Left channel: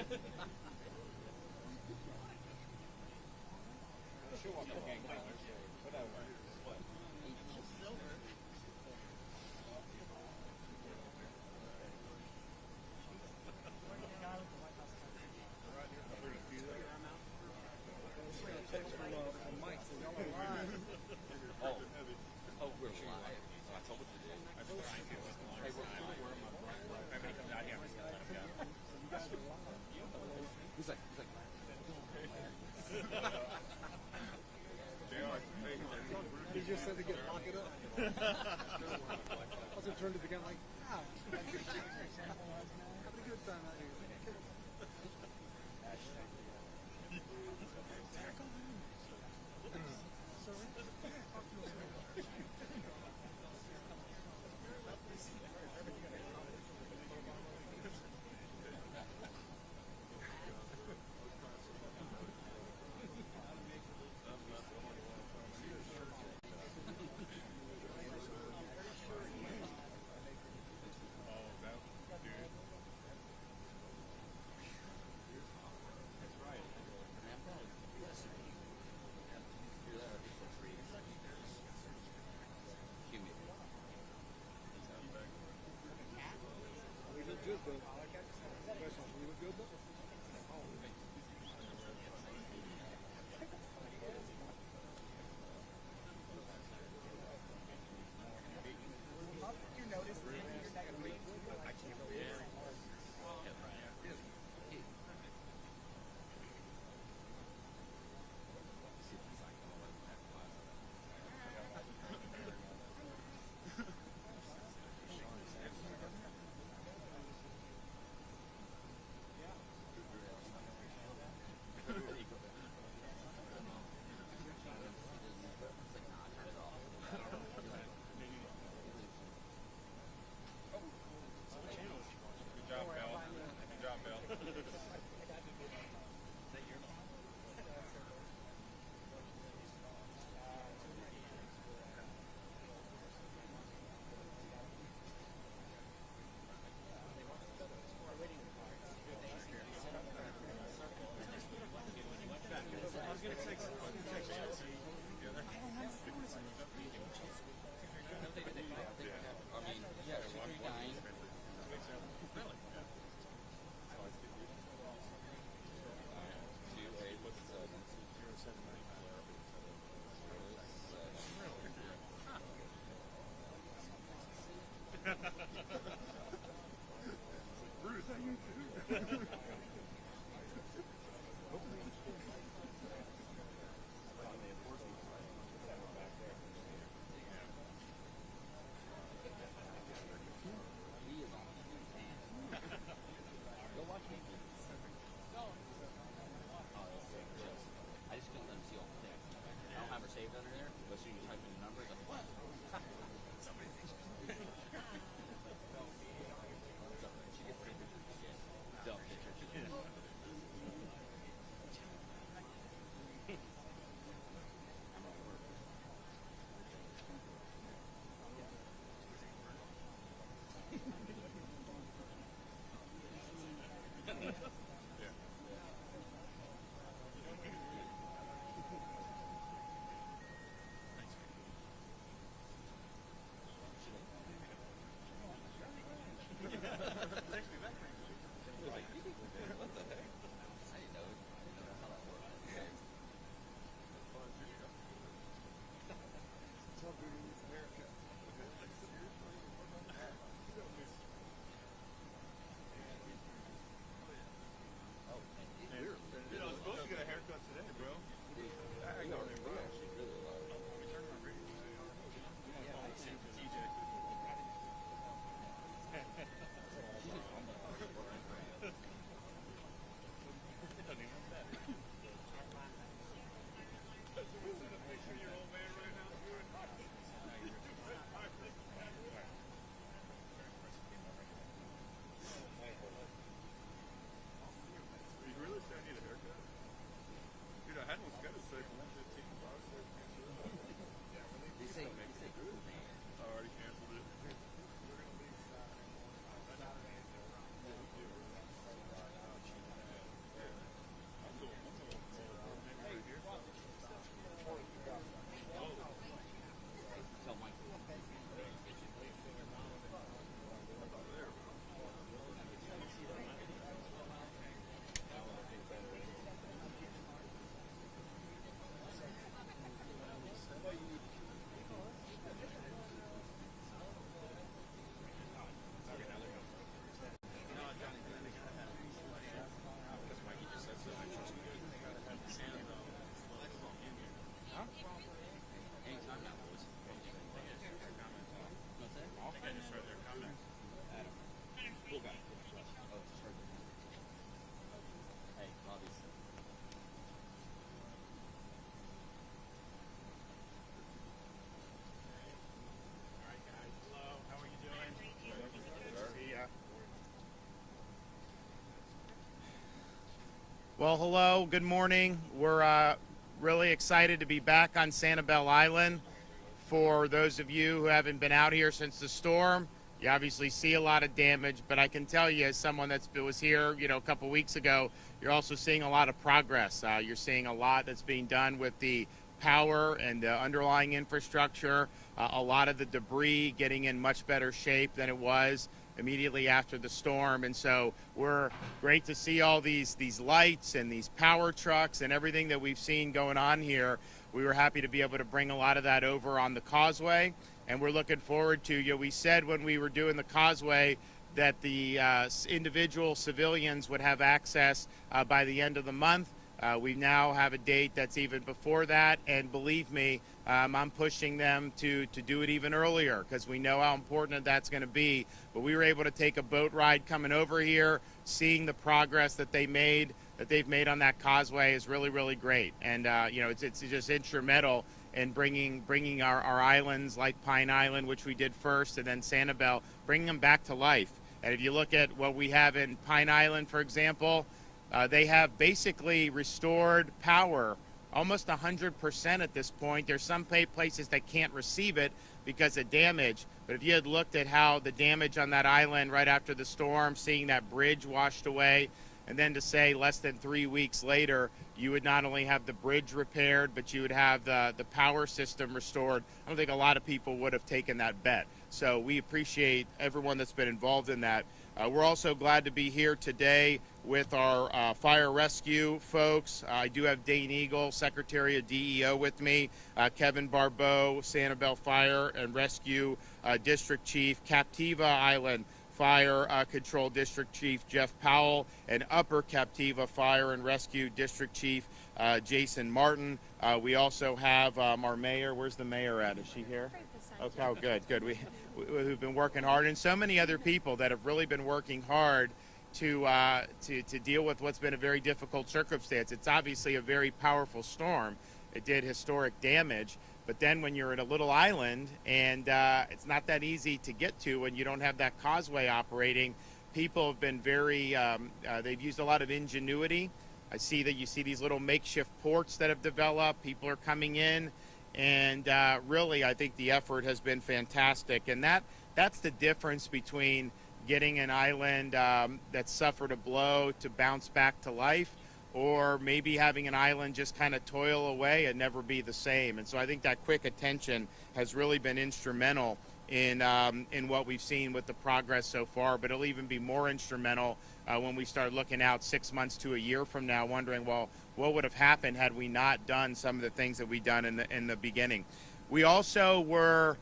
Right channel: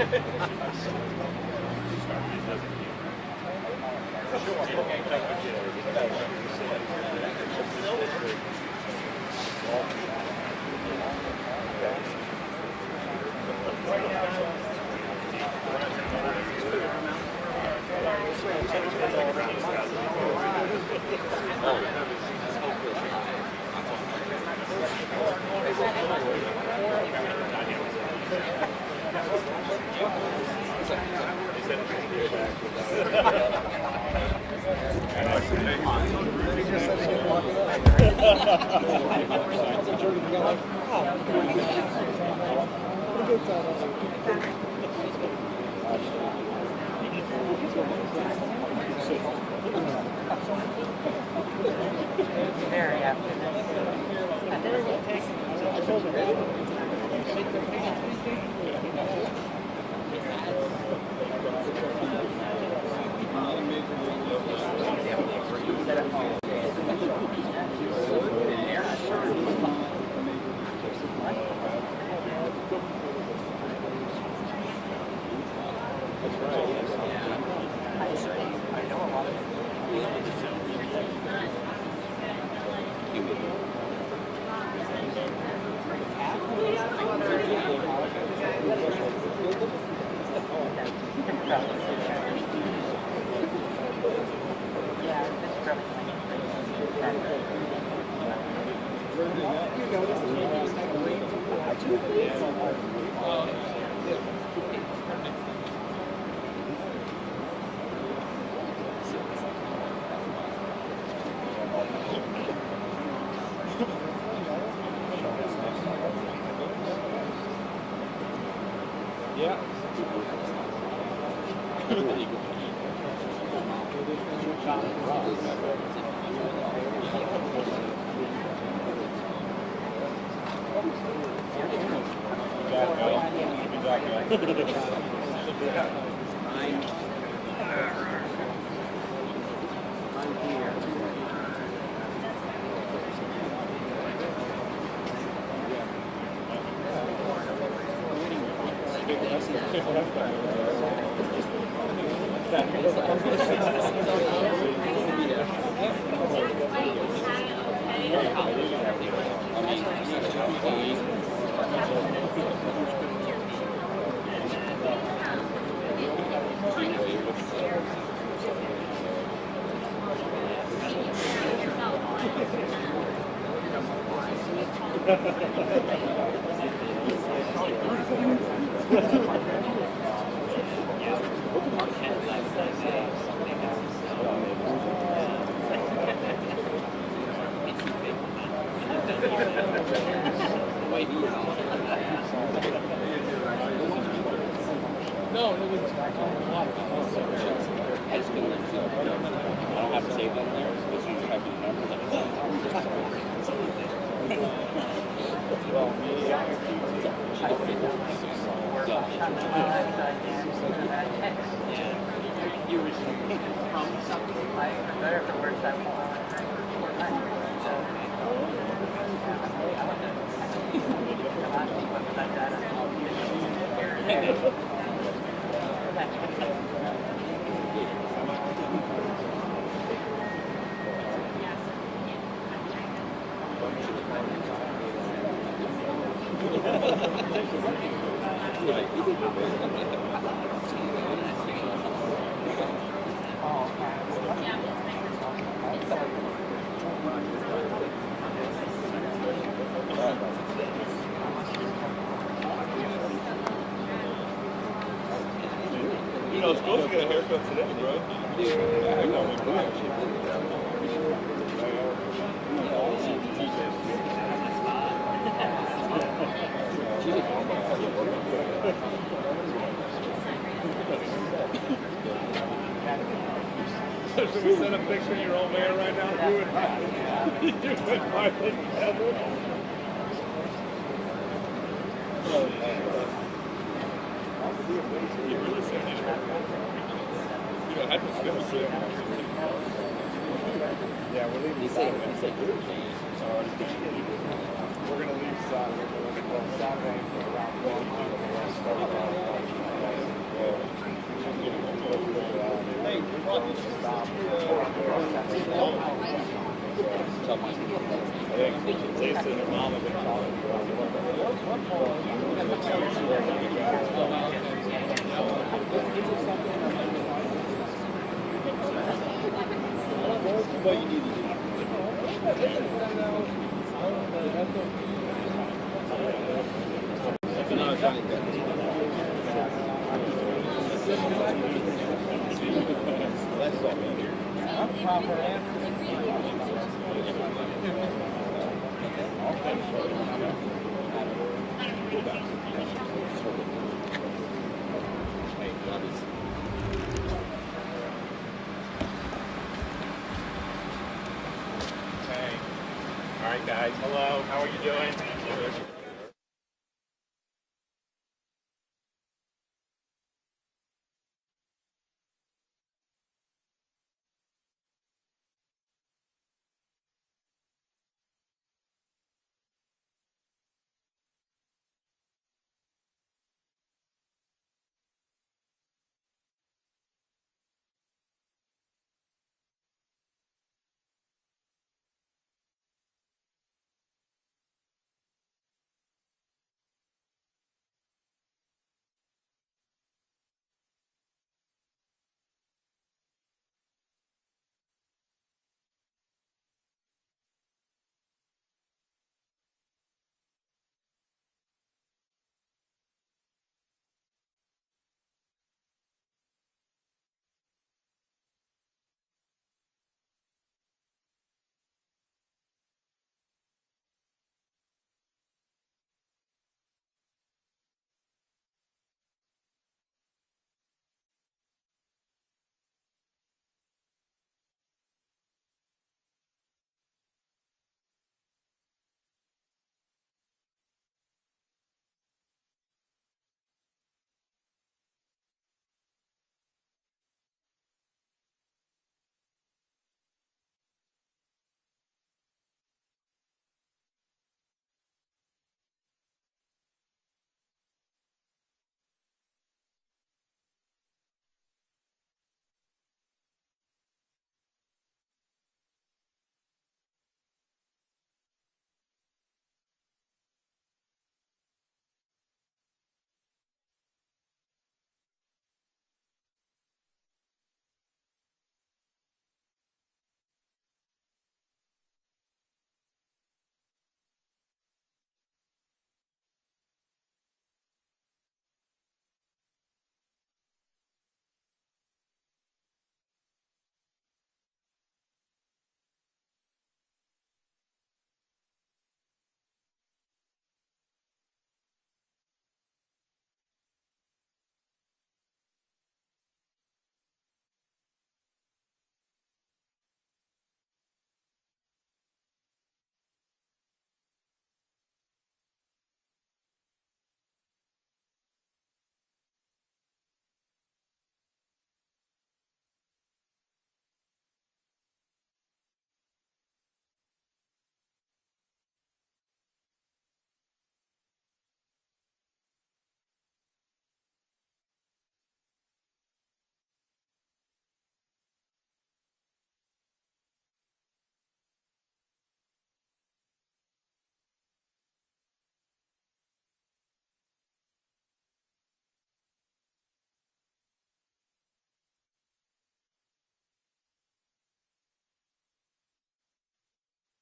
I was supposed to get a haircut today, bro. Yeah, I know. So should we send a picture of your old man right now? You went finally ever. Yeah, we're leaving Saturday. We're going to leave Saturday. We're going to go Saturday around 1 o'clock. All right, guys. Hello. How are you doing? Well, hello. Good morning. We're really excited to be back on Sanibel Island. For those of you who haven't been out here since the storm, you obviously see a lot of damage, but I can tell you as someone that was here, a couple weeks ago, you're also seeing a lot of progress. You're seeing a lot that's being done with the power and the underlying infrastructure, a lot of the debris getting in much better shape than it was immediately after the storm. And so we're great to see all these lights and these power trucks and everything that we've seen going on here. We were happy to be able to bring a lot of that over on the causeway, and we're looking forward to, we said when we were doing the causeway that the individual civilians would have access by the end of the month. We now have a date that's even before that, and believe me, I'm pushing them to do it even earlier because we know how important that's going to be. But we were able to take a boat ride coming over here, seeing the progress that they've made on that causeway is really, really great. And it's just instrumental in bringing our islands like Pine Island, which we did first, and then Sanibel, bringing them back to life. And if you look at what we have in Pine Island, for example, they have basically restored power almost 100% at this point. There's some places that can't receive it because of damage. But if you had looked at how the damage on that island right after the storm, seeing that bridge washed away, and then to say less than 3 weeks later, you would not only have the bridge repaired, but you would have the power system restored, I don't think a lot of people would have taken that bet. So we appreciate everyone that's been involved in that. We're also glad to be here today with our fire rescue folks. I do have Dane Eagle, Secretary of DEO, with me, Kevin Barbeau, Sanibel Fire and Rescue District Chief, Captiva Island Fire Control District Chief Jeff Powell, and Upper Captiva Fire and Rescue District Chief Jason Martin. We also have our mayor. Where's the mayor at? Is she here? Okay, oh, good. We've been working hard, and so many other people that have really been working hard to deal with what's been a very difficult circumstance. It's obviously a very powerful storm. It did historic damage, but then when you're in a little island and it's not that easy to get to when you don't have that causeway operating, people have been very, they've used a lot of ingenuity. I see that you see these little makeshift ports that have developed. People are coming in, and really I think the effort has been fantastic. And that's the difference between getting an island that suffered a blow to bounce back to life, or maybe having an island just kind of toil away and never be the same. And so I think that quick attention has really been instrumental in what we've seen with the progress so far, but it'll even be more instrumental when we start looking out 6 months to a year from now, wondering, well, what would have happened had we not done some of the things that we've done in the beginning. We also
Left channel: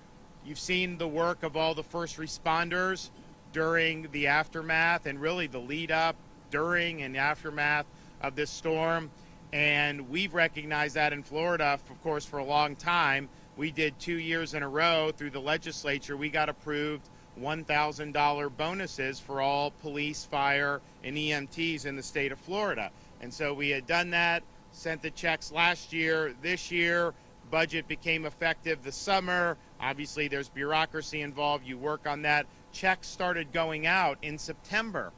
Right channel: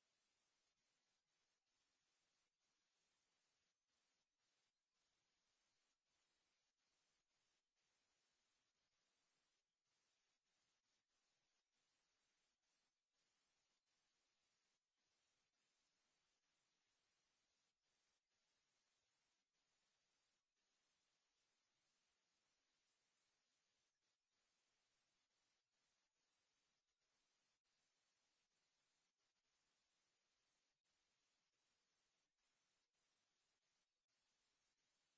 you've seen the work of all the first responders during the aftermath, and really the lead up, during and aftermath of this storm. And we've recognized that in Florida, of course, for a long time. We did 2 years in a row through the legislature. We got approved $1,000 bonuses for all police, fire, and EMTs in the state of Florida. And so we had done that, sent the checks last year. This year, budget became effective this summer. Obviously, there's bureaucracy involved. You work on that. Checks started going out in September.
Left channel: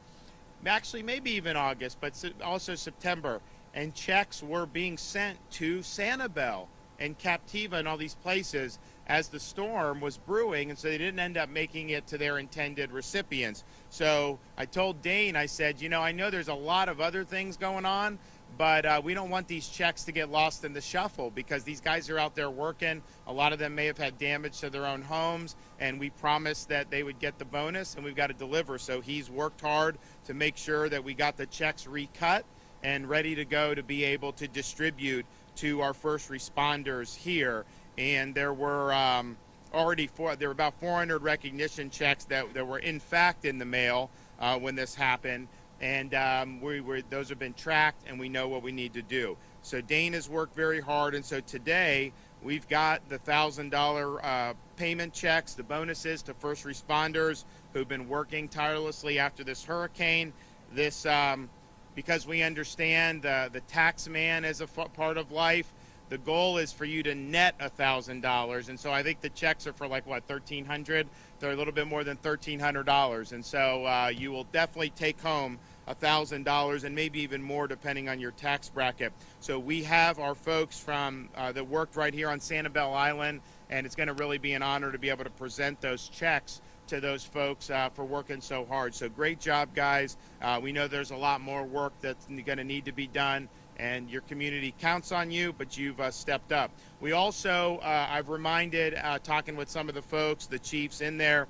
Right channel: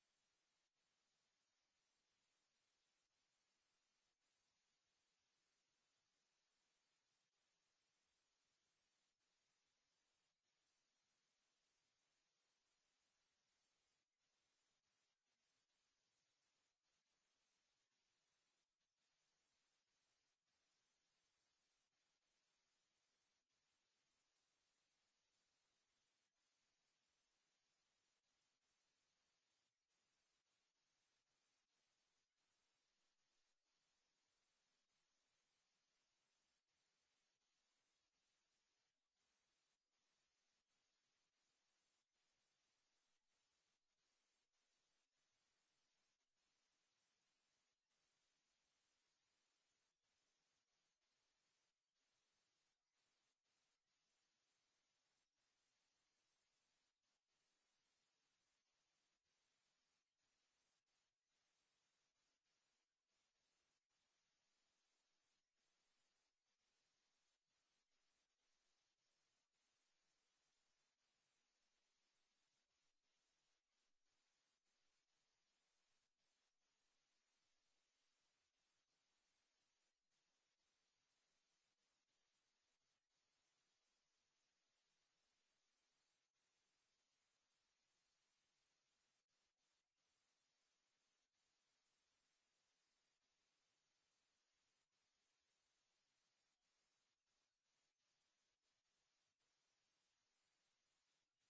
Actually, maybe even August, but also September. And checks were being sent to Sanibel and Captiva and all these places as the storm was brewing, and so they didn't end up making it to their intended recipients. So I told Dane, I said, I know there's a lot of other things going on, but we don't want these checks to get lost in the shuffle, because these guys are out there working. A lot of them may have had damage to their own homes, and we promised that they would get the bonus, and we've got to deliver. So he's worked hard to make sure that we got the checks recut and ready to go to be able to distribute to our first responders here. And there were there were about 400 recognition checks that were in fact in the mail when this happened. And those have been tracked, and we know what we need to do. So Dane has worked very hard, and so today we've got the $1,000 payment checks, the bonuses to first responders who've been working tirelessly after this hurricane. This because we understand the tax man is a part of life. The goal is for you to net $1,000, and so I think the checks are for like what, $1,300? They're a little bit more than $1,300, and so you will definitely take home $1,000 and maybe even more depending on your tax bracket. So we have our folks from that worked right here on Sanibel Island, and it's going to really be an honor to be able to present those checks to those folks for working so hard. So great job, guys. We know there's a lot more work that's going to need to be done, and your community counts on you, but you've stepped up. We also, I've reminded, talking with some of the folks, the chiefs in there,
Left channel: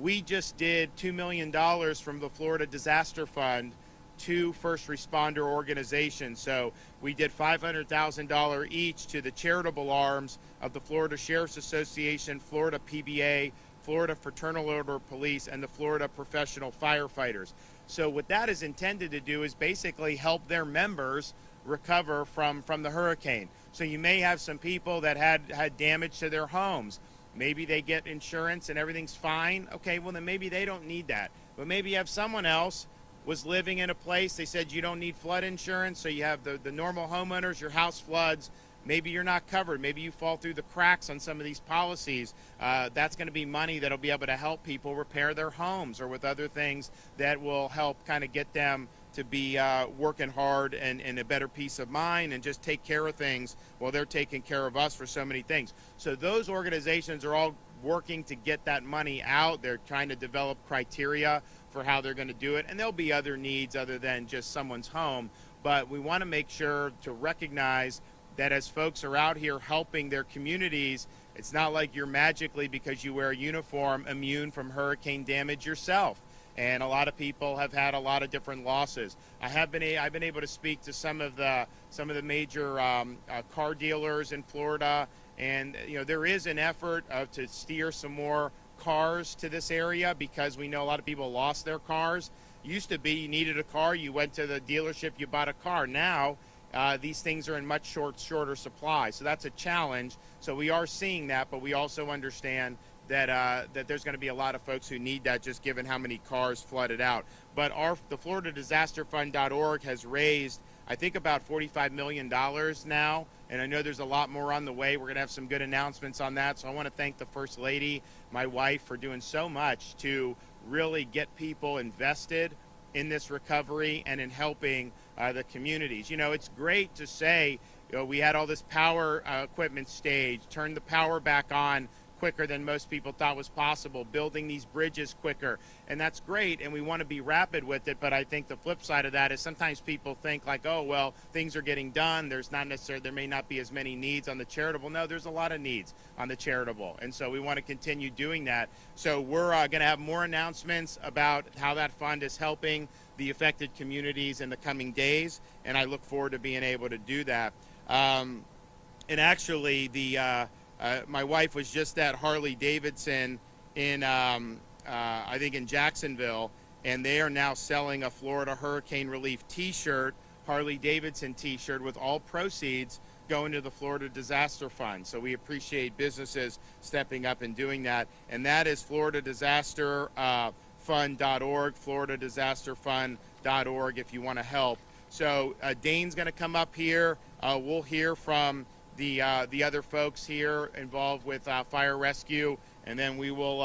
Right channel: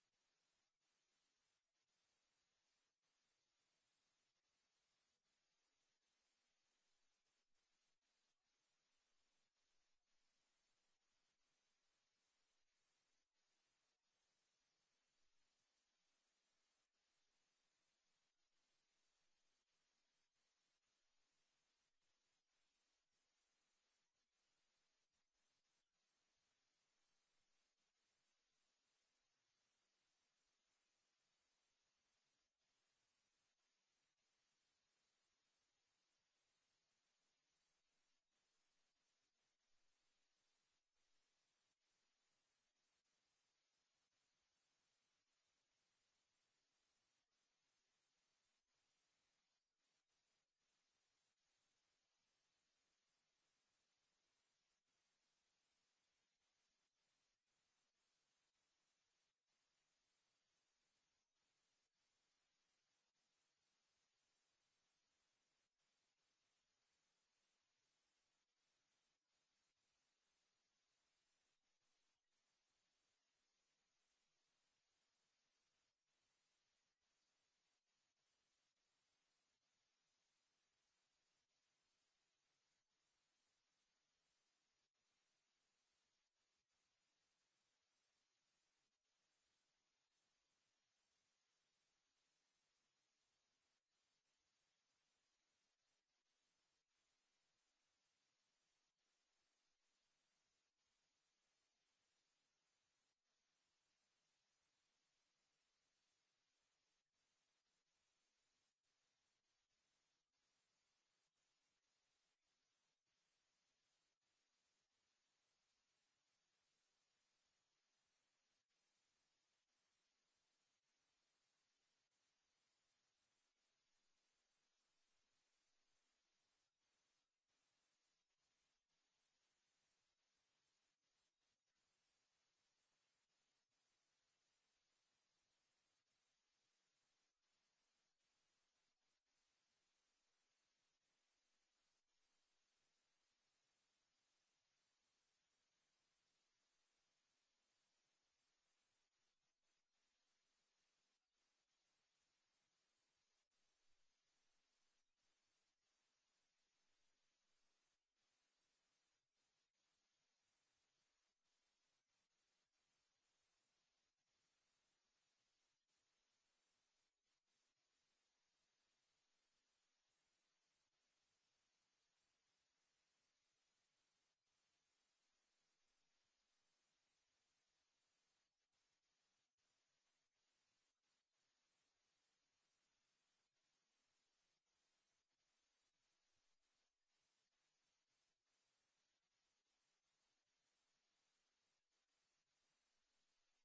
we just did $2 million from the Florida Disaster Fund to first responder organizations. So we did $500,000 each to the charitable arms of the Florida Sheriff's Association, Florida PBA, Florida Fraternal Order of Police, and the Florida Professional Firefighters. So what that is intended to do is basically help their members recover from the hurricane. So you may have some people that had damage to their homes. Maybe they get insurance and everything's fine. Okay, well then maybe they don't need that. But maybe you have someone else was living in a place, they said you don't need flood insurance, so you have the normal homeowners, your house floods, maybe you're not covered, maybe you fall through the cracks on some of these policies. That's going to be money that'll be able to help people repair their homes or with other things that will help kind of get them to be working hard and a better peace of mind and just take care of things while they're taking care of us for so many things. So those organizations are all working to get that money out. They're trying to develop criteria for how they're going to do it, and there'll be other needs other than just someone's home. But we want to make sure to recognize that as folks are out here helping their communities, it's not like you're magically, because you wear a uniform, immune from hurricane damage yourself. And a lot of people have had a lot of different losses. I've been able to speak to some of the major car dealers in Florida, and there is an effort to steer some more cars to this area, because we know a lot of people lost their cars. Used to be you needed a car, you went to the dealership, you bought a car. Now these things are in much shorter supply, so that's a challenge. So we are seeing that, but we also understand that there's going to be a lot of folks who need that, just given how many cars flooded out. But the FloridaDisasterFund.org has raised, I think, about $45 million now, and I know there's a lot more on the way. We're going to have some good announcements on that. So I want to thank the First Lady, my wife, for doing so much to really get people invested in this recovery and in helping the communities. It's great to say, we had all this power equipment staged, turned the power back on quicker than most people thought was possible, building these bridges quicker, and that's great, and we want to be rapid with it. But I think the flip side of that is sometimes people think like, oh well, things are getting done, there may not be as many needs on the charitable. No, there's a lot of needs on the charitable, and so we want to continue doing that. So we're going to have more announcements about how that fund is helping the affected communities in the coming days, and I look forward to being able to do that. And actually, my wife was just at Harley Davidson in, I think in Jacksonville, and they are now selling a Florida Hurricane Relief t-shirt, Harley Davidson t-shirt, with all proceeds going to the Florida Disaster Fund. So we appreciate businesses stepping up and doing that. And that is FloridaDisasterFund.org, FloridaDisasterFund.org if you want to help. So Dane's going to come up here. We'll hear from the other folks here involved with fire rescue, and then we will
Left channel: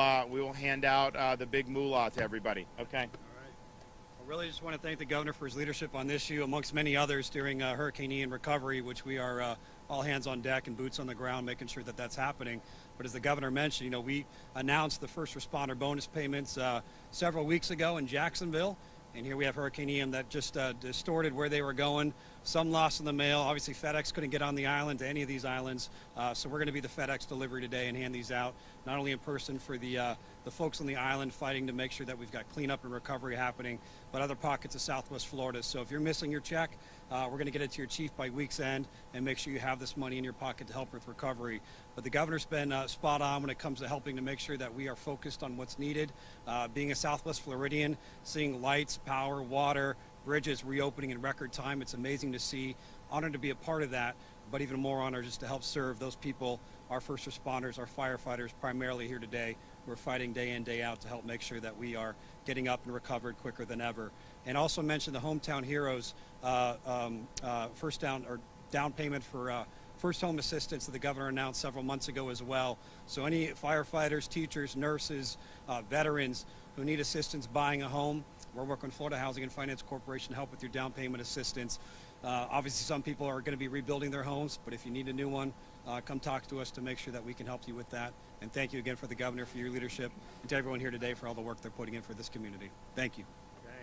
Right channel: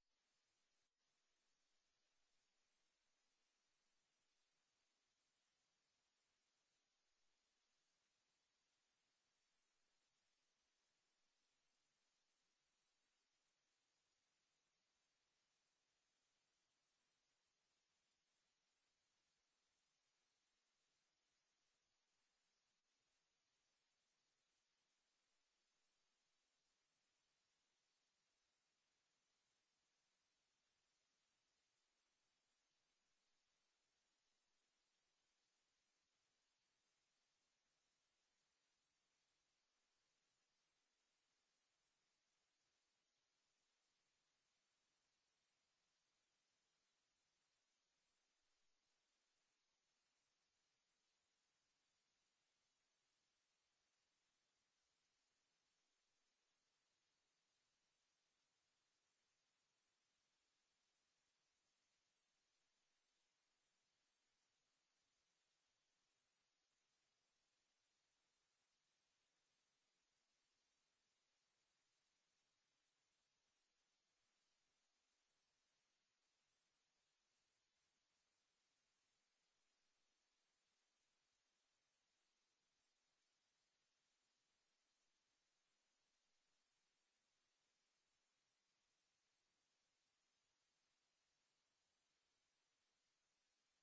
hand out the big moolah to everybody. Okay. All right. I really just want to thank the governor for his leadership on this issue, amongst many others, during Hurricane Ian recovery, which we are all hands on deck and boots on the ground, making sure that that's happening. But as the governor mentioned, we announced the first responder bonus payments several weeks ago in Jacksonville, and here we have Hurricane Ian that just distorted where they were going. some lost in the mail. Obviously, FedEx couldn't get on the island, to any of these islands, so we're going to be the FedEx delivery today and hand these out, not only in person for the folks on the island fighting to make sure that we've got cleanup and recovery happening, but other pockets of Southwest Florida. So if you're missing your check, we're going to get it to your chief by week's end and make sure you have this money in your pocket to help with recovery. But the governor's been spot on when it comes to helping to make sure that we are focused on what's needed. Being a Southwest Floridian, seeing lights, power, water, bridges reopening in record time, it's amazing to see. Honored to be a part of that, but even more honored just to help serve those people, our first responders, our firefighters, primarily here today. We're fighting day in, day out to help make sure that we are getting up and recovered quicker than ever. And also mention the Hometown Heroes down payment for first home assistance that the governor announced several months ago as well. So any firefighters, teachers, nurses, veterans who need assistance buying a home, we're working with Florida Housing and Finance Corporation to help with your down payment assistance. Obviously, some people are going to be rebuilding their homes, but if you need a new one, come talk to us to make sure that we can help you with that. And thank you again for the governor for your leadership, and to everyone here today for all the work they're putting in for this community. Thank you. Okay.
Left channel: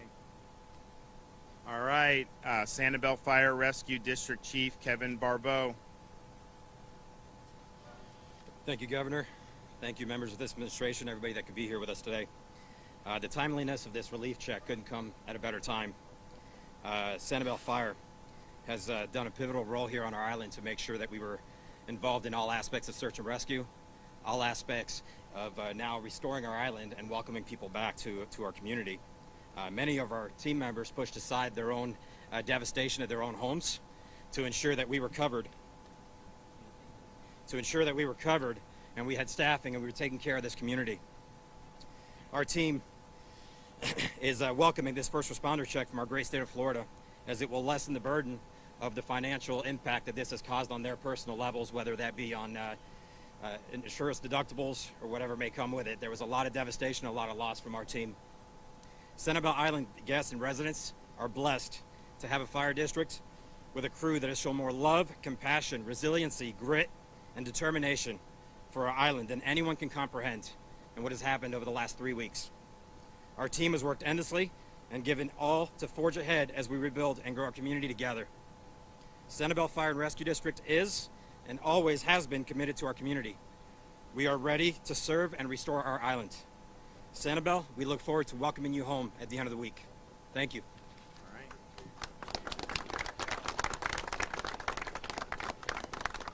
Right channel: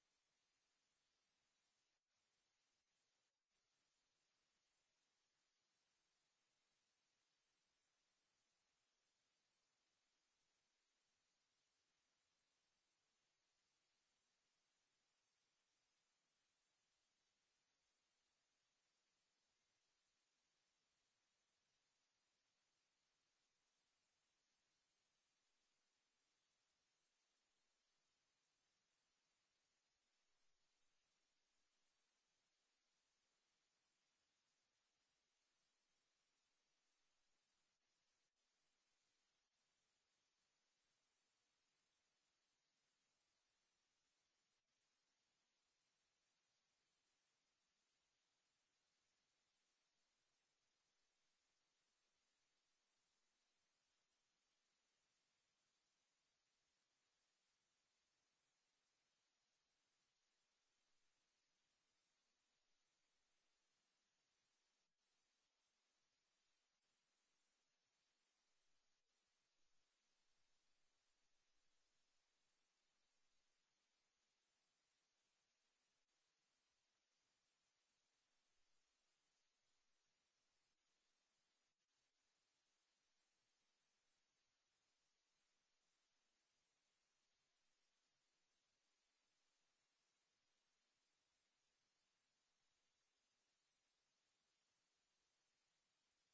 All right, Sanibel Fire Rescue District Chief Kevin Barbeau. Thank you, Governor. Thank you, members of this administration, everybody that could be here with us today. The timeliness of this relief check couldn't come at a better time. Sanibel Fire has done a pivotal role here on our island to make sure that we were involved in all aspects of search and rescue, all aspects of now restoring our island and welcoming people back to our community. Many of our team members pushed aside their own devastation of their own homes to ensure that we were covered. And we had staffing and we were taking care of this community. Our team is welcoming this first responder check from our great state of Florida, as it will lessen the burden of the financial impact that this has caused on their personal levels, whether that be on insurance deductibles or whatever may come with it. There was a lot of devastation, a lot of loss from our team. Sanibel Island guests and residents are blessed to have a fire district with a crew that has shown more love, compassion, resiliency, grit, and determination for our island than anyone can comprehend in what has happened over the last 3 weeks. Our team has worked endlessly and given all to forge ahead as we rebuild and grow our community together. Sanibel Fire and Rescue District is and always has been committed to our community. We are ready to serve and restore our island. Sanibel, we look forward to welcoming you home at the end of the week. Thank you.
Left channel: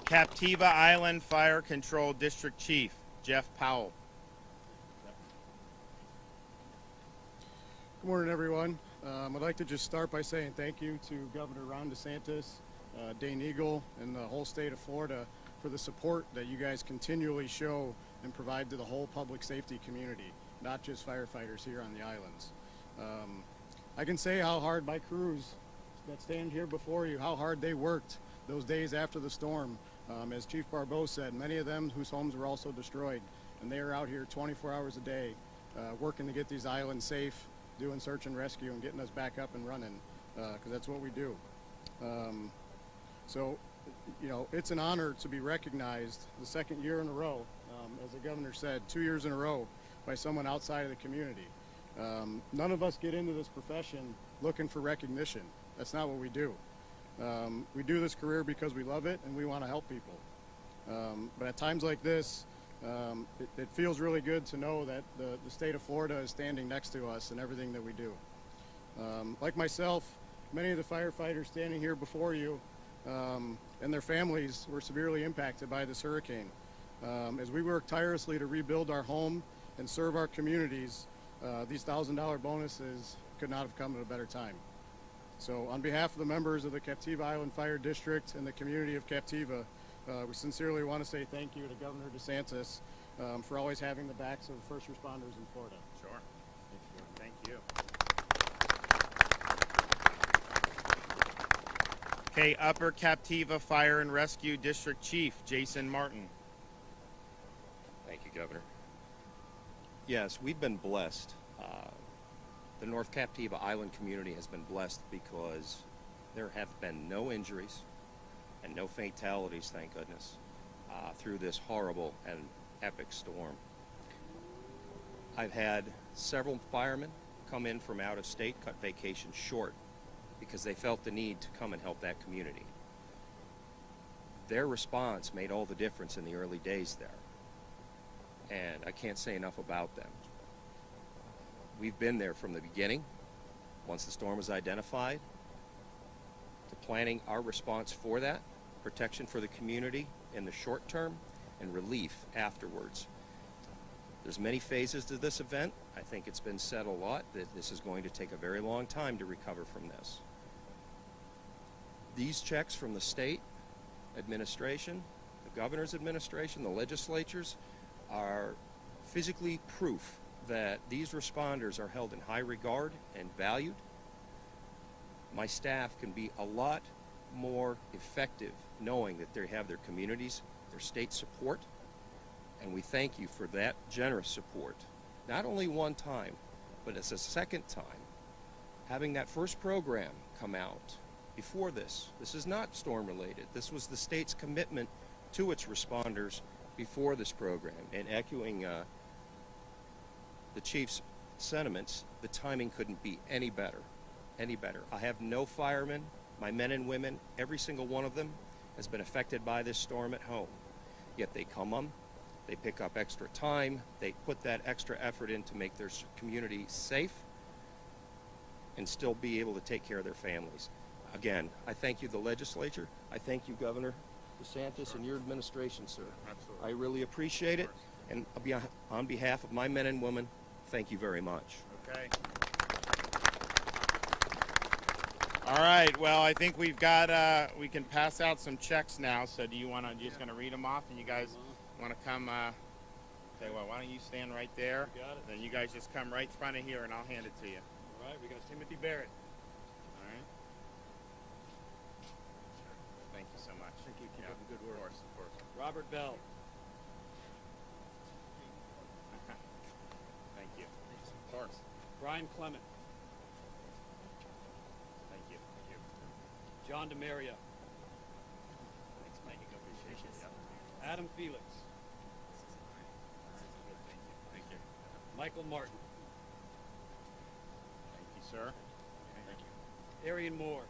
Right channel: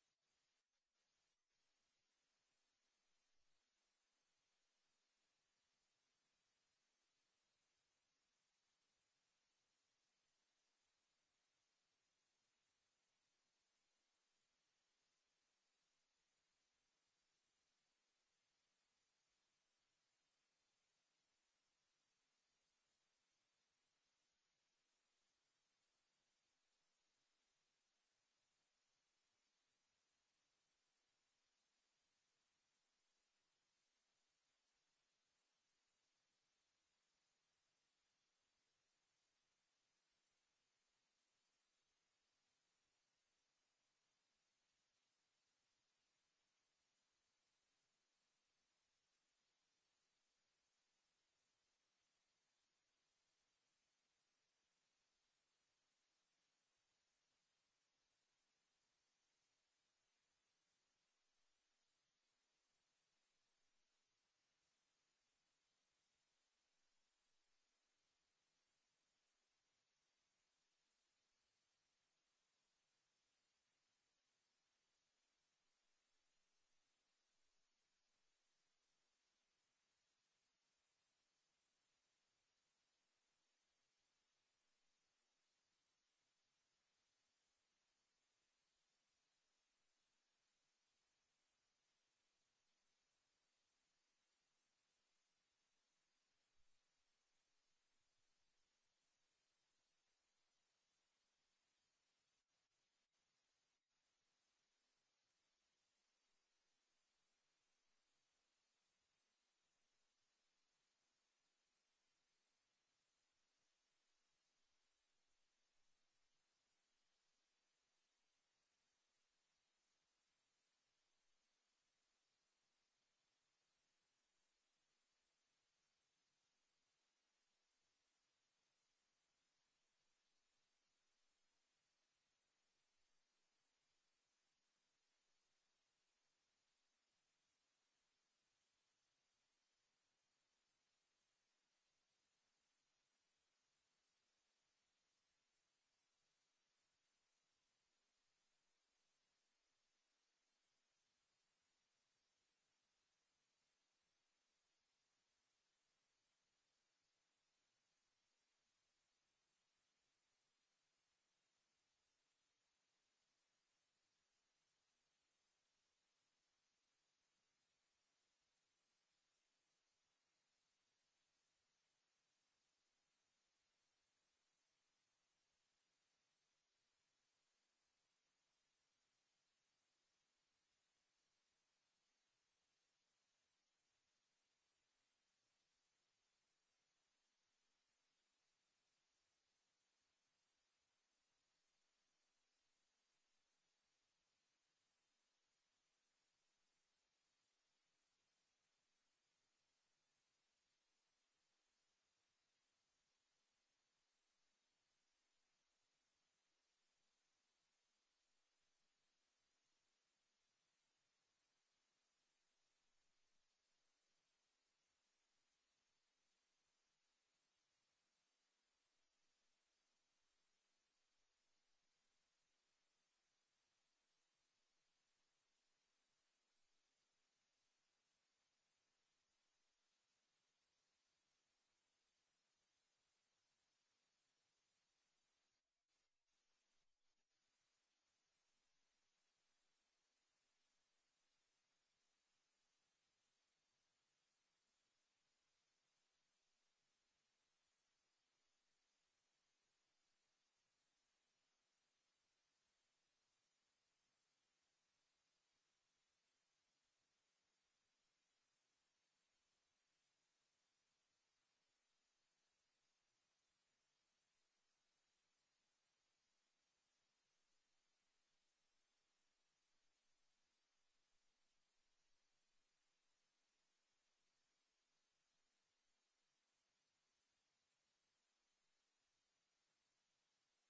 Captiva Island Fire Control District Chief Jeff Powell. Good morning, everyone. I'd like to just start by saying thank you to Governor Ron DeSantis, Dane, and the whole state of Florida for the support that you guys continually show and provide to the whole public safety community, not just firefighters here on the islands. I can say how hard my crews that stand here before you, how hard they worked those days after the storm. As Chief Barbeau said, many of them whose homes were also destroyed, and they are out here 24 hours a day working to get these islands safe, doing search and rescue and getting us back up and running, because that's what we do. So, you know, it's an honor to be recognized the second year in a row, as the governor said, 2 years in a row by someone outside of the community. None of us get into this profession looking for recognition. That's not what we do. We do this career because we love it and we want to help people. But at times like this, it feels really good to know that the state of Florida is standing next to us in everything that we do. Like myself, many of the firefighters standing here before you and their families were severely impacted by this hurricane. As we work tirelessly to rebuild our home and serve our communities, these $1,000 bonuses could not have come at a better time. So on behalf of the members of the Captiva Island Fire District and the community of Captiva, we sincerely want to say thank you to Governor DeSantis for always having the backs of first responders in Florida. Sure. Thank you. Okay, Upper Captiva Fire and Rescue District Chief Jason Martin. Thank you, Governor. Yes, we've been blessed. The North Captiva Island community has been blessed because there have been no injuries and no fatalities, thank goodness, through this horrible and epic storm. I've had several firemen come in from out of state, cut vacation short because they felt the need to come and help that community. Their response made all the difference in the early days there, and I can't say enough about them. We've been there from the beginning, once the storm was identified, to planning our response for that, protection for the community in the short term, and relief afterwards. There's many phases to this event. I think it's been said a lot that this is going to take a very long time to recover from this. These checks from the state administration, the governor's administration, the legislatures, are physically proof that these responders are held in high regard and valued. My staff can be a lot more effective knowing that they have their communities, their state support, and we thank you for that generous support. Not only one time, but it's a second time. Having that first program come out before this is not storm related. This was the state's commitment to its responders before this program, and echoing the chief's sentiments, the timing couldn't be any better. I have no firemen, my men and women, every single one of them has been affected by this storm at home. Yet they come on, they pick up extra time, they put that extra effort in to make their community safe and still be able to take care of their families. Again, I thank you, the legislature. I thank you, Governor DeSantis, and your administration, sir. Absolutely. I really appreciate it. And on behalf of my men and women, thank you very much. Okay. All right. Well, I think we've got. We can pass out some checks now. So, do you want to? Just going to read them off, and you guys want to come? Tell you what. Why don't you stand right there? You got it. Then you guys just come right in front of here, and I'll hand it to you. All right, we got Timothy Barrett. All right. Thank you so much. Thank you. Keep up the good work. Of course. Robert Bell. Thank you. Of course. Brian Clement. Thank you. Thank you. John DeMaria. Thanks, Mike. I appreciate it. Yep. Adam Felix. Thank you. Thank you. Michael Martin. Thank you, sir. Thank you. Arian Moore.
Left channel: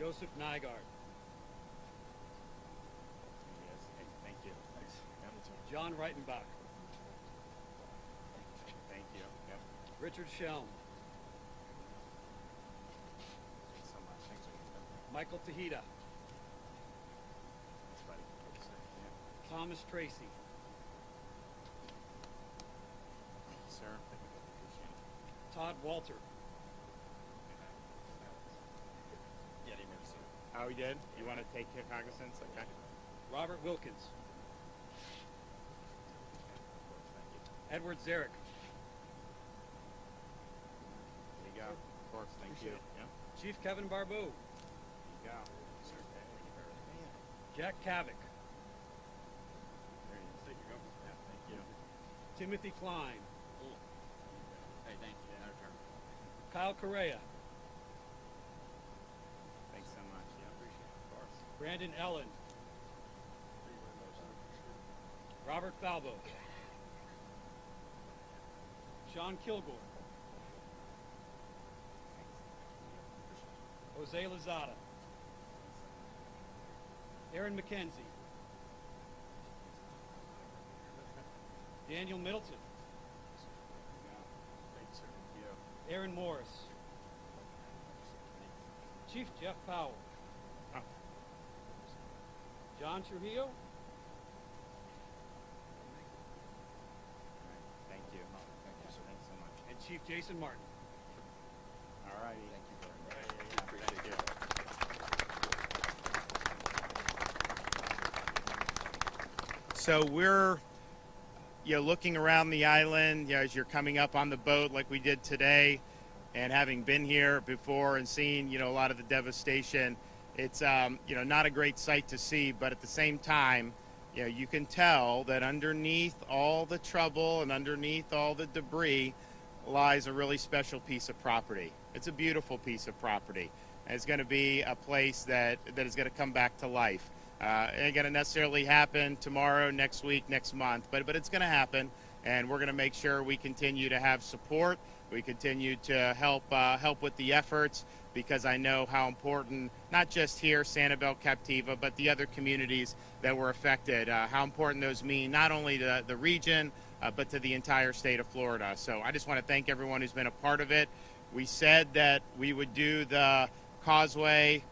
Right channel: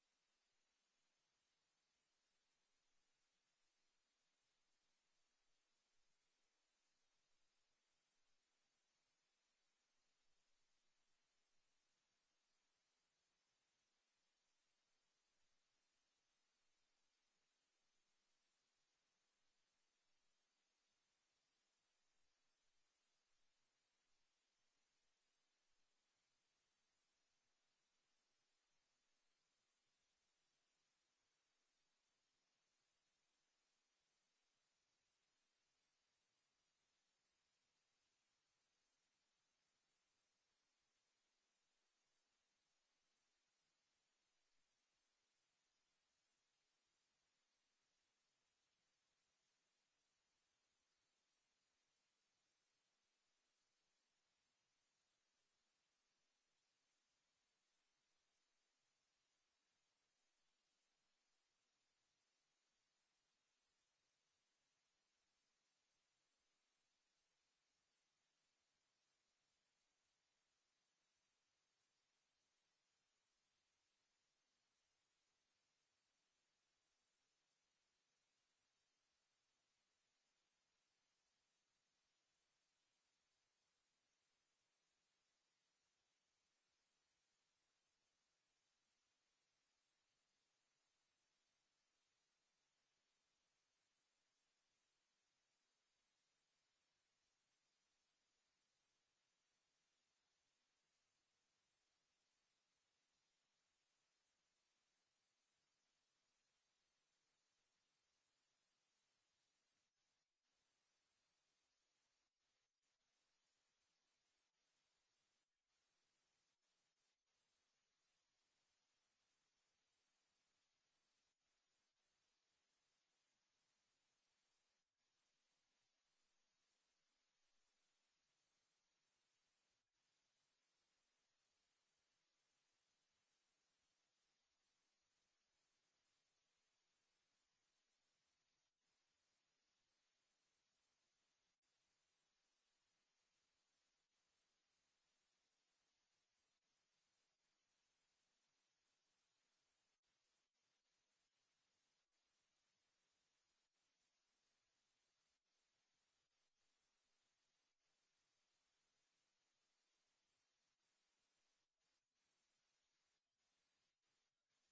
Joseph Nygaard. Yes. Thank you. Thanks. John Reitenbach. Thank you. Yep. Richard Shelm. Thanks so much. Thanks for your Michael Tejeda. Thanks, buddy. Good to see you. Yeah. Thomas Tracy. Thank you, sir. Appreciate it. Todd Walter. Yeah, didn't really see it. Oh, we did? You want to take cognizance? Okay. Robert Wilkins. Edward Zarek. There you go. Of course. Thank you. Yeah. Chief Kevin Barbeau. There you go. Sir, okay. Jack Kavik. There you go. Yeah, thank you. Timothy Klein. Hey, thank you. Another turn. Kyle Correa. Thanks so much. Yeah, appreciate it. Of course. Brandon Ellen. Robert Falbo. Sean Kilgore. Jose Lozada. Aaron McKenzie. Daniel Middleton. Thanks, sir. Thank you. Aaron Morris. Chief Jeff Powell. Oh. John Trujillo. Thank you. Thank you, sir. Thanks so much. And Chief Jason Martin. All righty. Thank you very much. Yeah, appreciate you. So we're, looking around the island, as you're coming up on the boat like we did today, and having been here before and seen, a lot of the devastation, it's, not a great sight to see, but at the same time, you can tell that underneath all the trouble and underneath all the debris lies a really special piece of property. It's a beautiful piece of property. And it's going to be a place that is going to come back to life. It ain't going to necessarily happen tomorrow, next week, next month, but it's going to happen, and we're going to make sure we continue to have support. We continue to help with the efforts, because I know how important, not just here, Sanibel, Captiva, but the other communities that were affected, how important those mean, not only to the region, but to the entire state of Florida. So I just want to thank everyone who's been a part of it. We said that we would do the causeway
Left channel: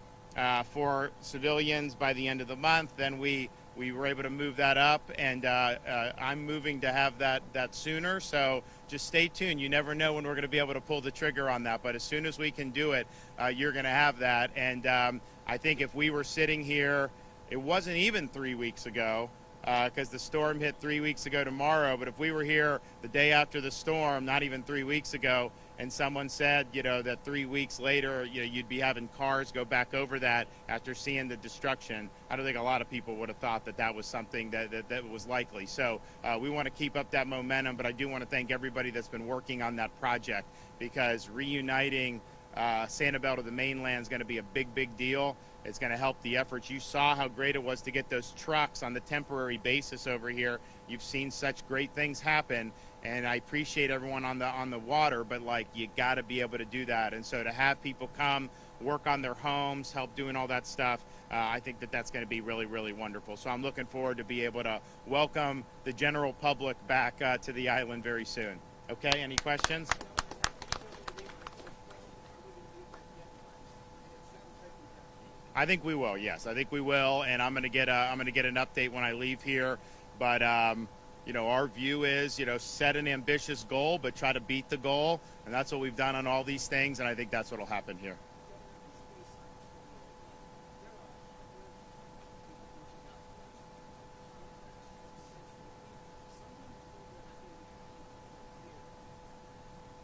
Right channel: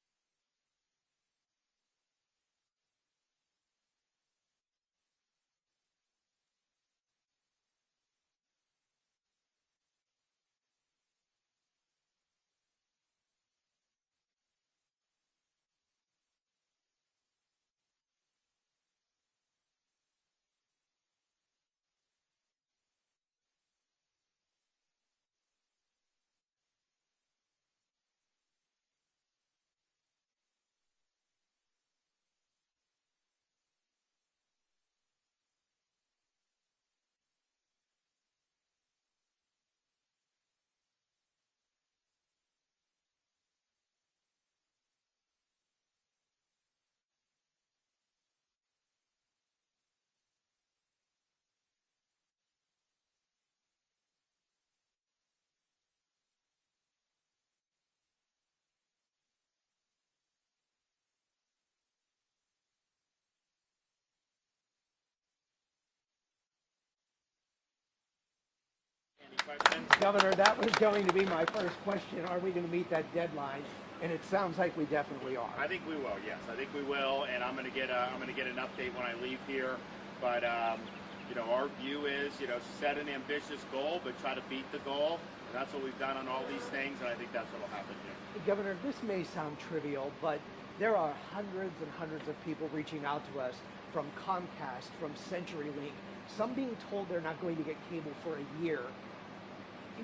for civilians by the end of the month. Then we were able to move that up, and I'm moving to have that sooner. So just stay tuned. You never know when we're going to be able to pull the trigger on that, but as soon as we can do it, you're going to have that. And I think if we were sitting here, it wasn't even 3 weeks ago, because the storm hit 3 weeks ago tomorrow, but if we were here the day after the storm, not even 3 weeks ago, and someone said, that 3 weeks later, you'd be having cars go back over that after seeing the destruction, I don't think a lot of people would have thought that was something that was likely. So we want to keep up that momentum, but I do want to thank everybody that's been working on that project, because reuniting Sanibel to the mainland is going to be a big deal. It's going to help the efforts. You saw how great it was to get those trucks on the temporary basis over here. You've seen such great things happen, and I appreciate everyone on the water, but you got to be able to do that. And so to have people come, work on their homes, help doing all that stuff, I think that's going to be really wonderful. So I'm looking forward to be able to welcome the general public back to the island very soon. Okay, any questions? Governor, that was going to be my first question. Are we going to meet that deadline? And it sounds like we definitely are. I think we will. Yes, I think we will. And I'm going to get an update when I leave here. But our view is, set an ambitious goal, but try to beat the goal. And that's what we've done on all these things. And I think that's what will happen here. Governor, this may sound trivial, but there are hundreds and hundreds of people reaching out to us from Comcast, from CenturyLink, some being told they're not going to get cable for a year.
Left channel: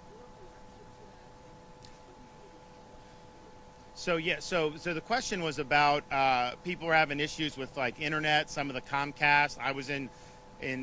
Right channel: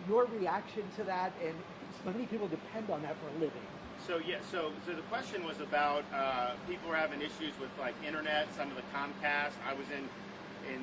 Your reaction to that, and so many people depend on that for a living. So the question was about people are having issues with internet, some of the Comcast. I was in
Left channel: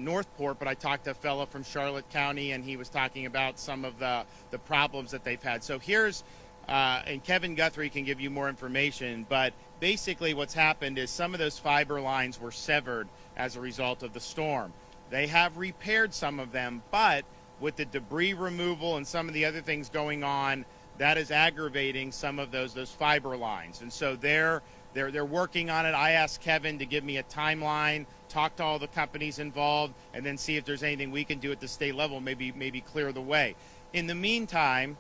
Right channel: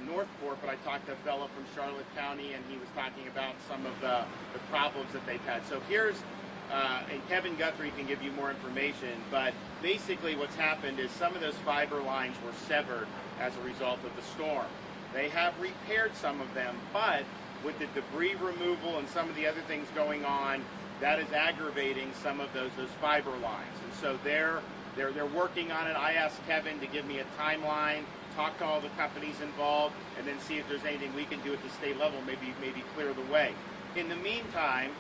Northport, but I talked to a fellow from Charlotte County, and he was talking about some of the problems that they've had. So here's, and Kevin Guthrie can give you more information, but basically what's happened is some of those fiber lines were severed as a result of the storm. They have repaired some of them, but with the debris removal and some of the other things going on, that is aggravating some of those fiber lines. And so they're working on it. I asked Kevin to give me a timeline, talk to all the companies involved, and then see if there's anything we can do at the state level, maybe clear the way. In the meantime,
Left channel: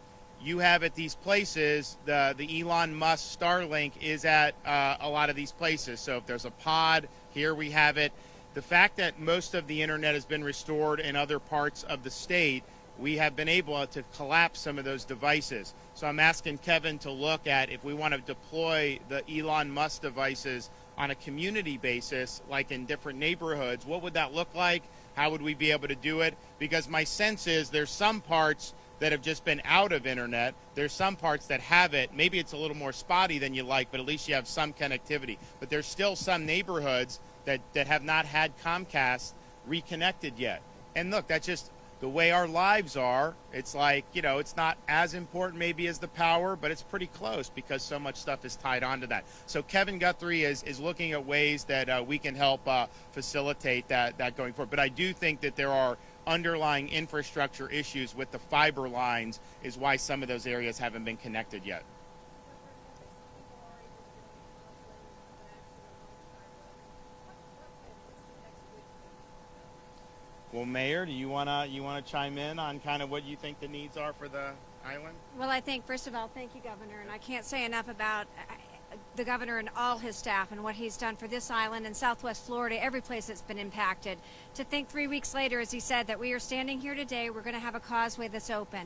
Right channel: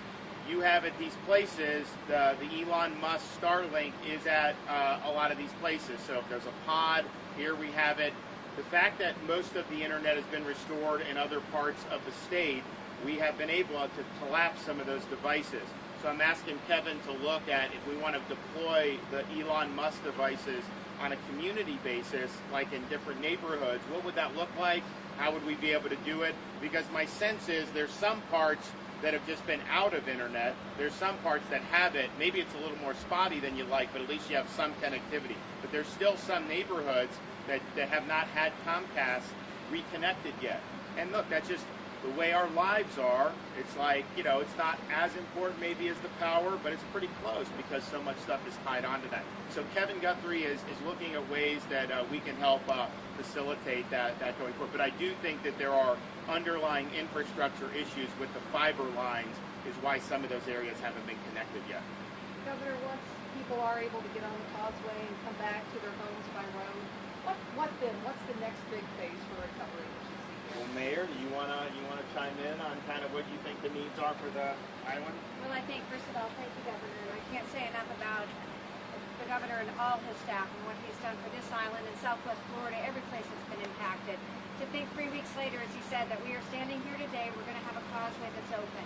you have at these places, the Elon Musk Starlink is at a lot of these places. So if there's a pod, here we have it. The fact that most of the internet has been restored in other parts of the state, we have been able to collapse some of those devices. So I'm asking Kevin to look at if we want to deploy the Elon Musk devices on a community basis, like in different neighborhoods. What would that look like? How would we be able to do it? Because my sense is there's some parts that have just been out of internet. There's some parts that have it. Maybe it's a little more spotty than you like, but at least you have some connectivity. But there's still some neighborhoods that have not had Comcast reconnected yet. And look, that's just the way our lives are. It's it's not as important maybe as the power, but it's pretty close because so much stuff is tied onto that. So Kevin Guthrie is looking at ways that we can help facilitate that going forward. But I do think that there are underlying infrastructure issues with the fiber lines is why some of those areas haven't been connected yet. Governor, once people are able to get on the causeway and come back to their homes by road, what then? What's the next big phase for recovery? Well, Mayor, do you wanna chime in on kind of what you think the needs are for the island? Well, I think, first of all, thank you, Governor, and I can't say enough about the governor and all his staff and what he's done for this island and Southwest Florida, every place that's been impacted. To think 3 weeks later, as he said, that we are standing here today, we're going to have a causeway that's open.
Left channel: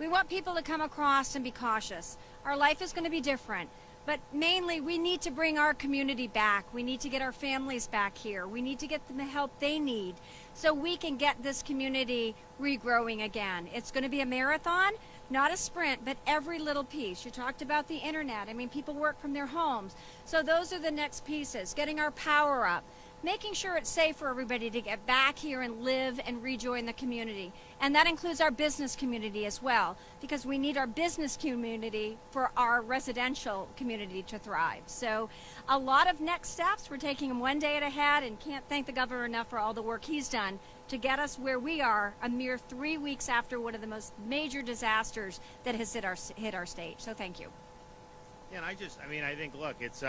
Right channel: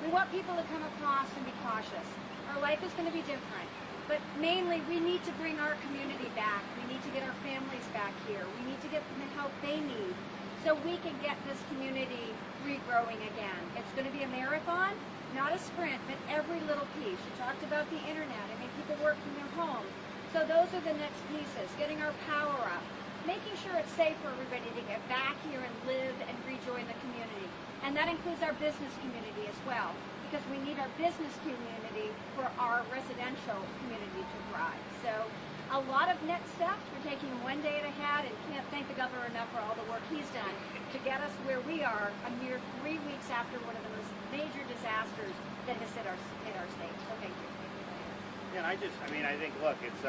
We want people to come across and be cautious. Our life is going to be different, but mainly we need to bring our community back. We need to get our families back here. We need to get them the help they need so we can get this community regrowing again. It's going to be a marathon, not a sprint, but every little piece. You talked about the internet. I mean, people work from their homes. So those are the next pieces, getting our power up, making sure it's safe for everybody to get back here and live and rejoin the community. And that includes our business community as well, because we need our business community for our residential community to thrive. So a lot of next steps. We're taking one day at a time, and can't thank the governor enough for all the work he's done to get us where we are a mere 3 weeks after one of the most major disasters that has hit our state. So thank you. Yeah, I mean, I think, look, it's,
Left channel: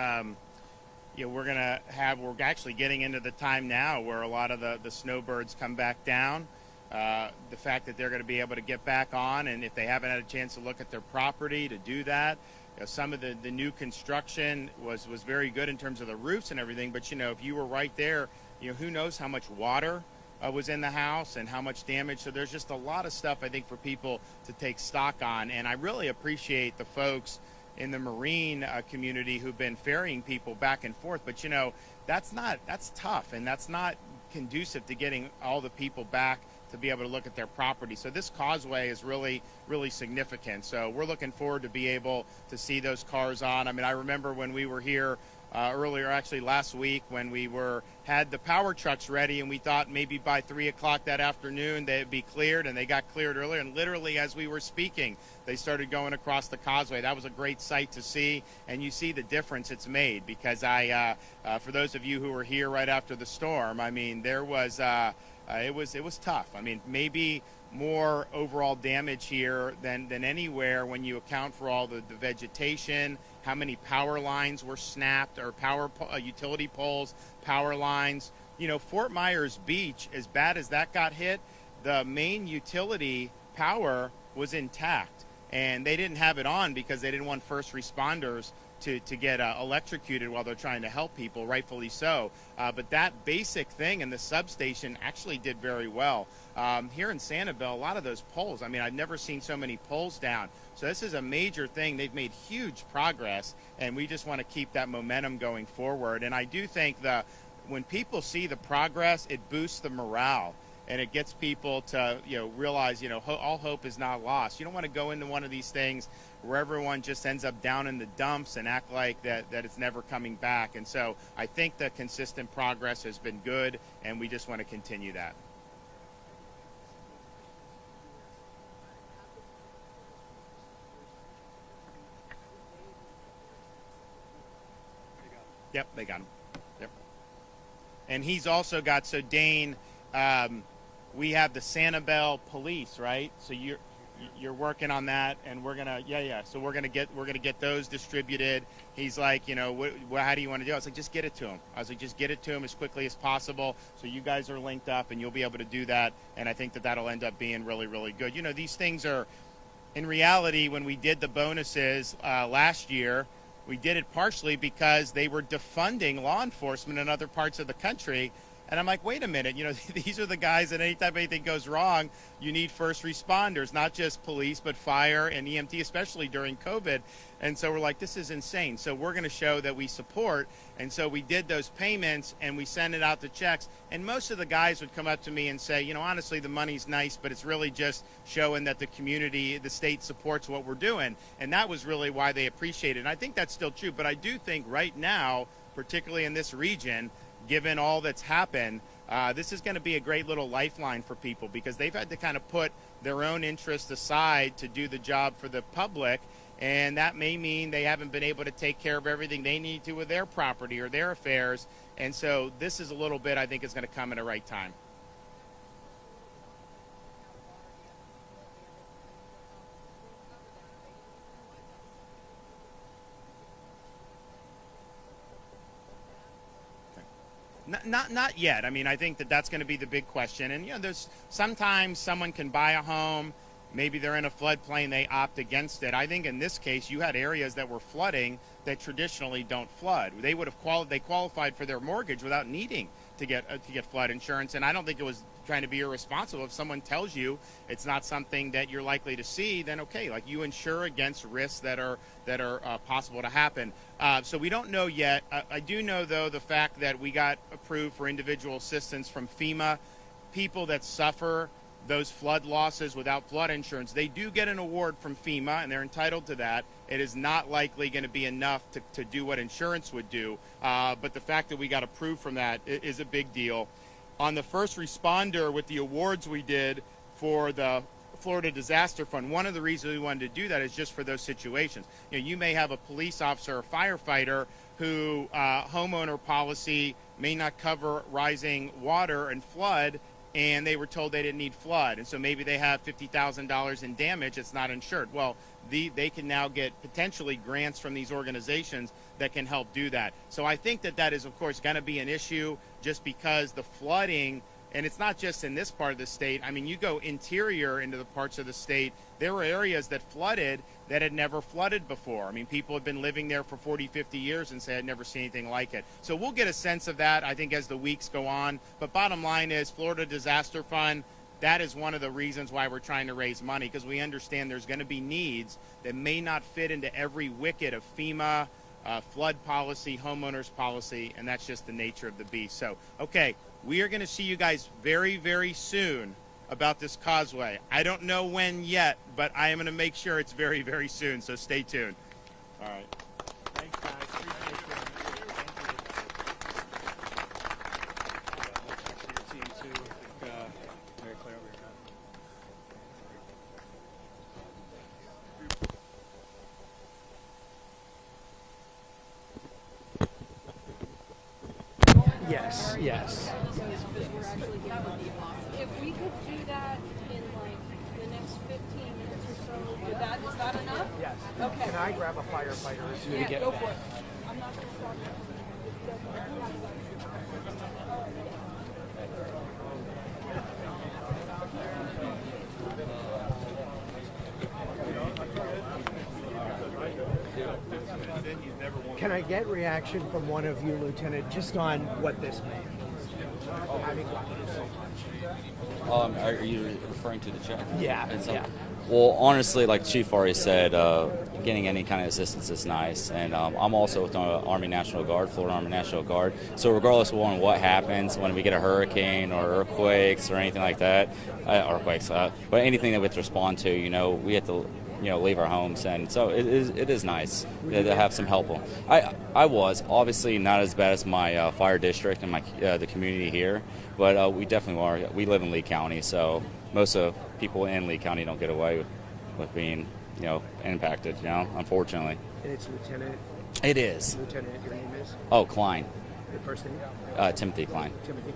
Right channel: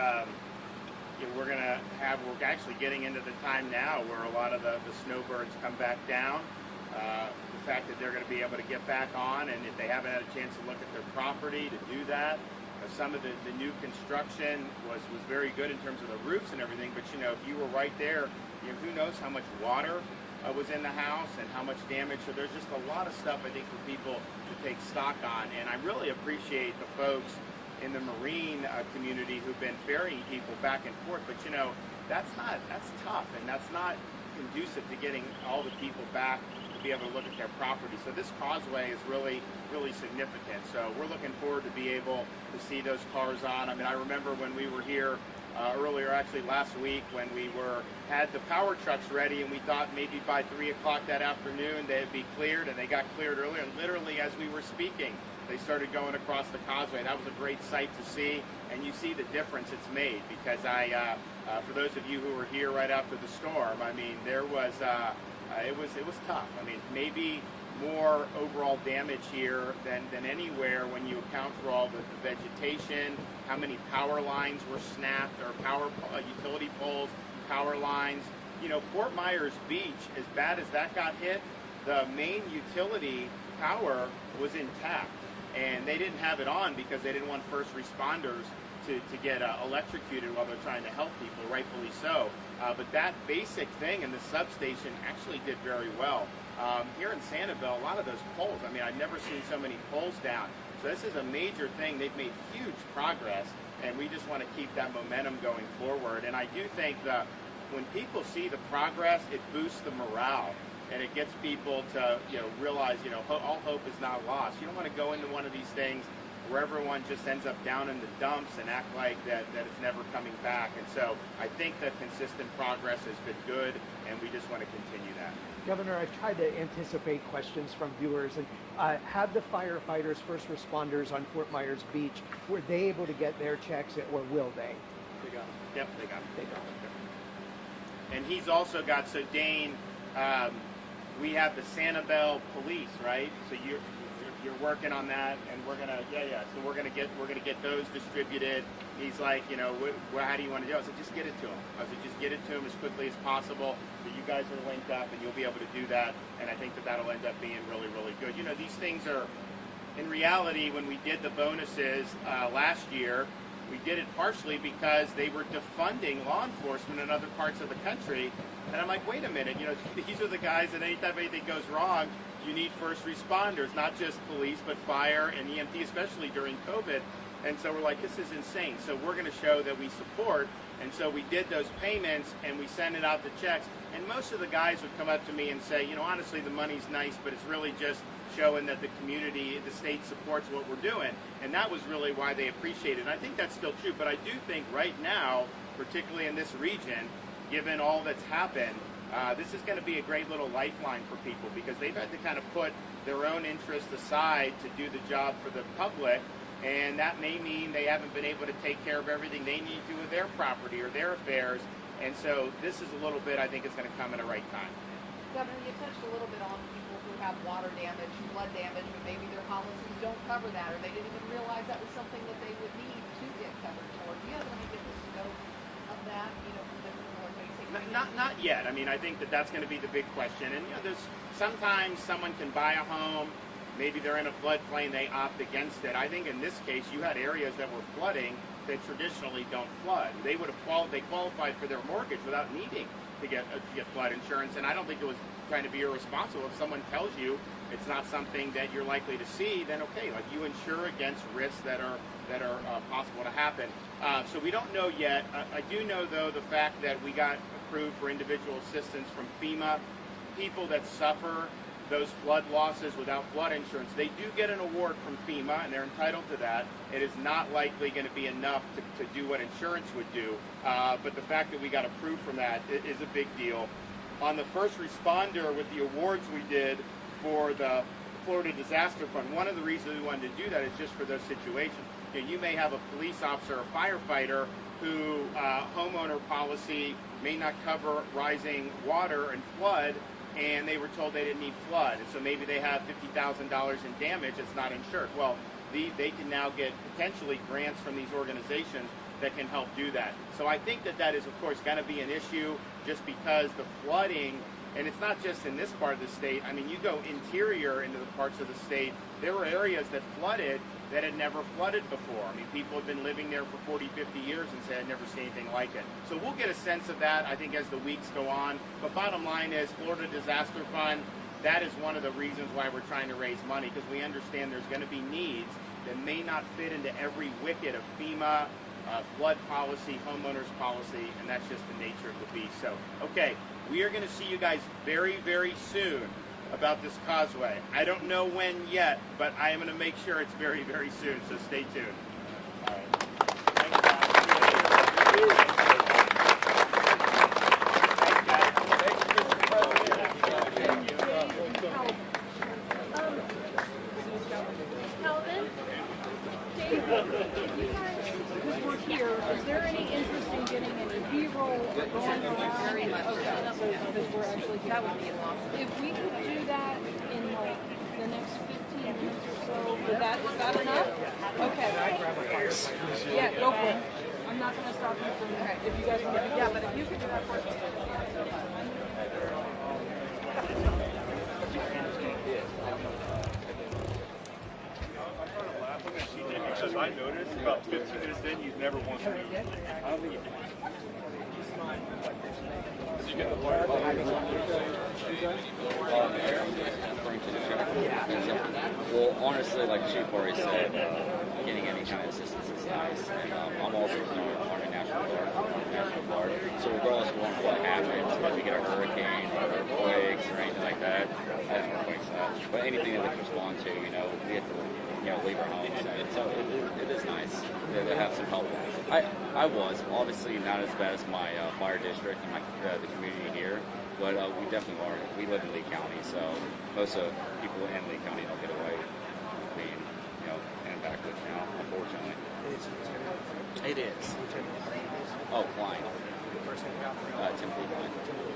you know, we're actually getting into the time now where a lot of the snowbirds come back down. The fact that they're going to be able to get back on, and if they haven't had a chance to look at their property to do that, some of the new construction was very good in terms of the roofs and everything, but, you know, if you were right there, you know, who knows how much water was in the house and how much damage. So there's just a lot of stuff, I think, for people to take stock on, and I really appreciate the folks in the marine community who've been ferrying people back and forth, but, you know, that's tough, and that's not conducive to getting all the people back to be able to look at their property. So this causeway is really, really significant. So we're looking forward to be able to see those cars on. I mean, I remember when we were here earlier, actually last week, when we had the power trucks ready, and we thought maybe by 3 o'clock that afternoon they'd be cleared, and they got cleared earlier, and literally as we were speaking, they started going across the causeway. That was a great sight to see, and you see the difference it's made, because for those of you who were here right after the storm, I mean, there was, it was tough. I mean, maybe more overall damage here than anywhere when you account for all the vegetation, how many power lines were snapped, or utility poles, power lines. You know, Fort Myers Beach, as bad as that got hit, the main utility power was intact, and they didn't have it on because they didn't want first responders to get electrocuted while they're trying to help people, rightfully so. But that basic thing in the substation actually did very well. Here in Sanibel, a lot of those poles, I mean, I've never seen so many poles down. So this is a major thing. They've made huge progress, and we just want to keep that momentum going forward. And I do think that when people see the progress, it boosts the morale, and it gets people to, you know, realize, you know, all hope is not lost. You don't want to go into one of these things where everyone just ends up down in the dumps and act like that it's never coming back. And so I think the consistent progress has been good, and we just want to continue that. Governor, I've tried to anticipate questions from viewers, and have the firefighters, first responders on Fort Myers Beach, were they able to get their checks, or will they? They got it. Yep, they got it. They got Yep. And he's also got, so Dane, we have the Sanibel police, right? So you're working on that, and we're gonna, so we're gonna get those distributed. He's like, you know, how do you want to do it? I was like, just get it to him. I was like, just get it to him as quickly as possible, so you guys are linked up, and you'll be able to do that, and I think that'll end up being really, really good. You know, these things are, in reality, when we did the bonuses last year, we did it partially because they were defunding law enforcement in other parts of the country, and I'm like, wait a minute, you know, these are the guys that anytime anything goes wrong, you need first responders, not just police, but fire and EMT, especially during COVID. And so we're like, this is insane. So we're going to show that we support. And so we did those payments, and we sent it out the checks. And most of the guys would come up to me and say, you know, honestly, the money's nice, but it's really just showing that the community, the state supports what we're doing. And that was really why they appreciated it. And I think that's still true. But I do think right now, particularly in this region, given all that's happened, this is going to be a great little lifeline for people, because they've had to kind of put their own interests aside to do the job for the public, and that may mean they haven't been able to take care of everything they need to with their property or their affairs, and so this is a little bit, I think, is going to come at the right time. Governor, you touched a little bit on people who have water damage, flood damage, but maybe their policies don't cover that, or they didn't even realize that was something that they would need to get coverage for. Do you have any good scope of that, you know, for the people who are facing? Not yet. I mean, I think that's going to be the big question. And, you know, there's sometimes someone can buy a home, maybe they're in a floodplain, they opt against it. I think in this case, you had areas that were flooding that traditionally don't flood. They would have they qualified for their mortgage without needing to get flood insurance. And I don't think it was trying to be irresponsible. If someone tells you it's not something that you're likely to see, then okay, like you insure against risks that are possible to happen. So we don't know yet. I do know, though, the fact that we got approved for individual assistance from FEMA. People that suffer those flood losses without flood insurance, they do get an award from FEMA, and they're entitled to that. It is not likely going to be enough to do what insurance would do, but the fact that we got approved from that is a big deal. On the first responder, with the awards we did for the Florida Disaster Fund, one of the reasons we wanted to do that is just for those situations. You know, you may have a police officer or firefighter who homeowner policy may not cover rising water and flood, and they were told they didn't need flood, and so maybe they have $50,000 in damage that's not insured. Well, they can now get potentially grants from these organizations that can help do that. So I think that is, of course, going to be an issue just because the flooding, and it's not just in this part of the state. I mean, you go interior into the parts of the state, there were areas that flooded that had never flooded before. I mean, people have been living there for 40, 50 years and say, I'd never seen anything like it. So we'll get a sense of that, I think, as the weeks go on. But bottom line is, Florida Disaster Fund, that is one of the reasons why we're trying to raise money, because we understand there's going to be needs that may not fit into every wicket of FEMA, flood policy, homeowners policy, and that's just the nature of the beast. So, okay, we are going to see you guys very, very soon about this causeway. I don't know when yet, but I am going to make sure it's very, very soon, so stay tuned. All right. Calvin, Dave, because we're here, is there any interest in getting any B-roll? Yes, yes. Because we're actually, that would be awesome. If we could do that in like the next 15 minutes or so, is that enough? Okay. Can I grab a firefighter? Yeah, go for it. I'm not gonna stop you from there. If you guys want to, yeah, but if you could report this. I noticed about 15 minutes in, you've never won. Can I get reaction from one of you, Lieutenant, just on what this means? Are you referring to the chief? Yeah. Well, honestly, like the chief already said, getting any kind of assistance is nice. And I'm also with the Army National Guard, Florida Army National Guard. So regardless of what happens, when we get a hurricane or earthquakes or anything like that, but anything that we respond to, we have to leave our homes, and so it is nice to have some help. I was obviously not as bad as my fire district and the community here, but we definitely are. We live in Lee County, so most of people in Lee County don't get away with being impacted. Unfortunately. And it's Lieutenant. It is. Lieutenant. Oh, Klein. The first name. Timothy Klein. Timothy.